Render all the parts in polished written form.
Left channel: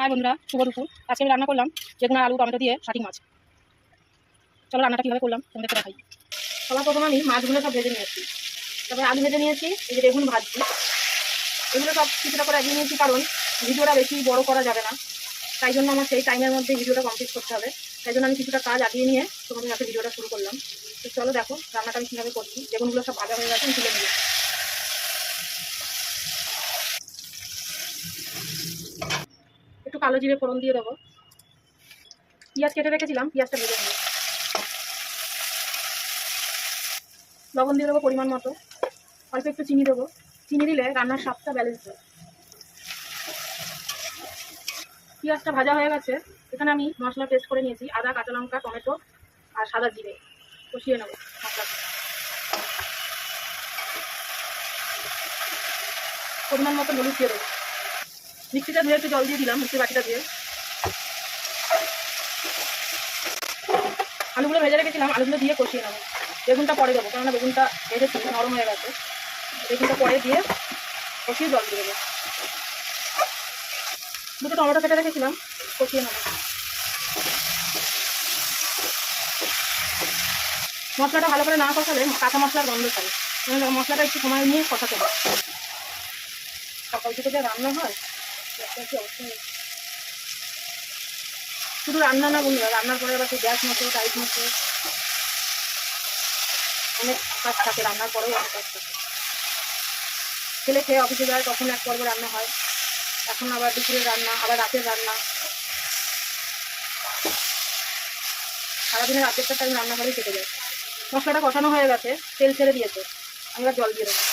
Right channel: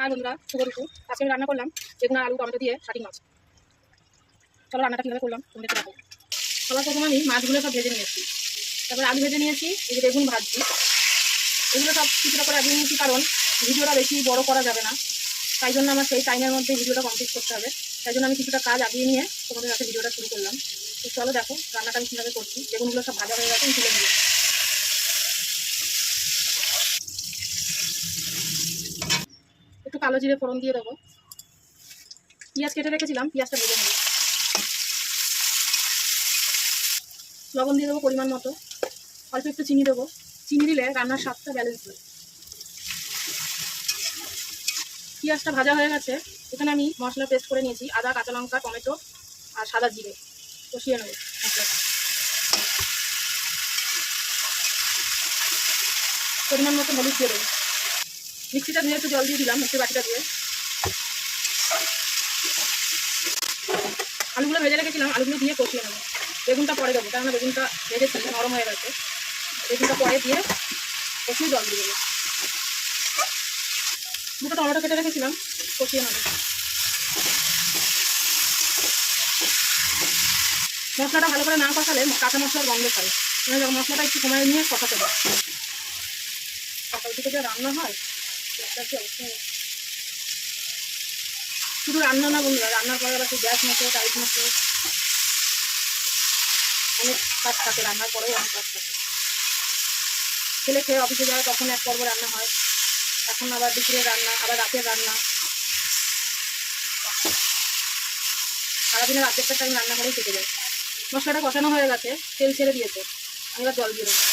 High বন্ধুরা, শুভ দুপুর। আজকে আমি রান্না করলাম বেগুন আলু টমেটো দিয়ে শাটিং মাছ। চলো রান্নাটা কীভাবে করলাম তোমাদের দেখাই। সবার প্রথমে আমি মাছগুলো সব ভেজে নিয়েছি, তারপর আলু ভেজে নিয়েছি, এই যে বেগুন ভাজছি। এগুলো সব কিছুটা করে আগিয়ে নিয়েছি, কারণ ভিডিওটা বেশি বড় করা যাবে না, তাই জন্য আমার সেই টাইমের মধ্যে ভিডিওটা কমপ্লিট করতে হবে। তাই জন্য আমি কিছুটা কাজ আগিয়ে নিয়ে তোমাদের কাছে ভিডিওটা শুরু করলাম। তো চলো দেখো রান্নাটা আমি কীভাবে করছি। বেগুনগুলো সব ভাজা হয়ে গেছে, আমি তুলে নিয়ে একটু কালো জিরে ফোড়ন দিয়ে দেবো। পেঁয়াজ কেটে রেখেছিলাম, পেঁয়াজটা ভেজে নেবো। লবণ দিয়ে দেবো পরিমাণ মতো, অল্প একটু চিনি দেবো। চিনি দিলে রান্নার স্বাদটা ব্যালেন্স হয়। পেঁয়াজটা ভাজা হয়ে গেছে, এখানে আমি মশলা পেস্ট করে নিয়েছি, আদা, কাঁচা লঙ্কা, টমেটো আর সাদা জিরে। কষিয়ে নেবো মশলাটা। পরিমাণ মতো হলুদ দিয়ে দেবো। মিক্সিটা ধুয়ে একটু জল দিয়ে দিলাম, মিক্সির বাটিটা দিয়ে। আলুগুলো ভেজে রেখেছিলাম, আলুগুলো দিয়ে কষিয়ে নেবো। বেগুনটা পরে দেবো, কেননা বেগুনটা ভেজেছি নরম হয়ে গেছে। বেগুনটা পরে দিয়ে কষিয়ে জল দিয়ে দেবো। দুটো টমেটো কেটে রেখেছিলাম, কষিয়ে নেবো। মশলাটা ভালো করে না কষালে কাঁচা মশলার গন্ধ ছাড়ে, মশলাটা একটু সময় নিয়ে কষাতে হবে। সকাল থেকে যা রান্না হয় কি অবস্থা। শুধু রান্না না বন্ধুরা, রান্নার পরে আবার গ্যাস মতো টাইট মতো অনেক কাজ থাকে, রান্নার পরেও অনেক কাজ থাকে। ছেলে খেয়ে অফিসে যায়, তখন এক পর্ব রান্না হয়, এখন আবার দুপুরের রান্না, আবার রাতের রান্না। সারাদিনের রাতেরটা টাইম রান্না করেই কেটে যায়। মশলাটা কষানো হয়ে গেছে, তেল ছেড়ে দিয়েছে, আমি এবার জল দিয়ে দেবো।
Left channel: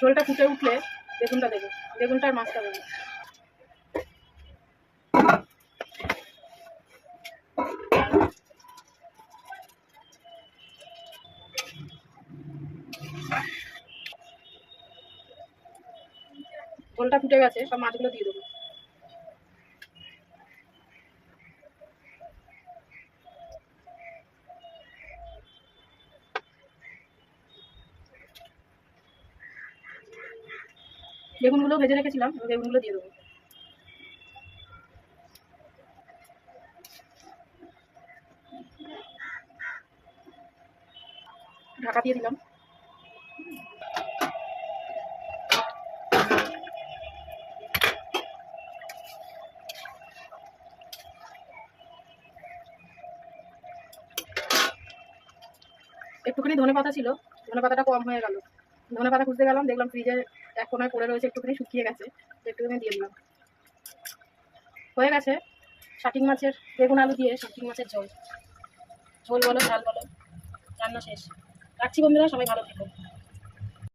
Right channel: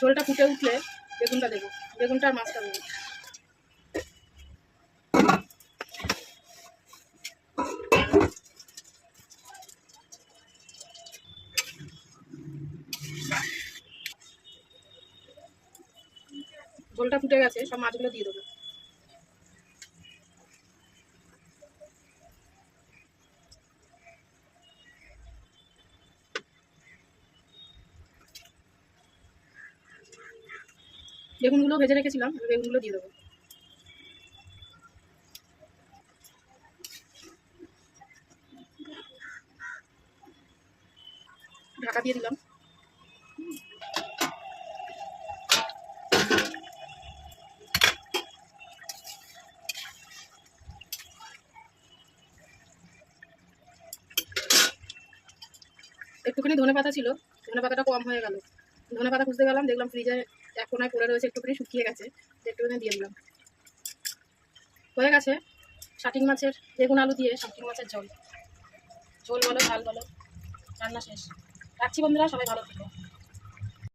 ঝোলটা ফুটে উঠলে বেগুনটা দেবো, বেগুনটা আর মাছটা দেবো। ঝোলটা ফুটে গেছে, সব মাছগুলো দিয়ে দেবো। বেগুনগুলো ভেজে রেখেছিলাম, এবার বেগুনগুলো দিয়ে দেবো। ঢাকা দিয়ে দিলাম। একটুখানি ধনে পাতা ছিল, ধনে পাতাটা কম হয়ে গেল। ধনে পাতা খুঁজতে গেলাম, দেখলাম ফ্রিজের এক কোনায় পড়ে রয়েছে, একটুখানি শুকিয়ে গেছে, একটুখানি দিয়ে দিলাম। হয়ে গেছে শাটিং মাছের, বেগুন আলু দিয়ে শাটিং মাছের ঝোল। ঝোল বলো ঝাল বলো, রান্না শেষ। রাখছি বন্ধুরা, সবাই ভালো থেকো।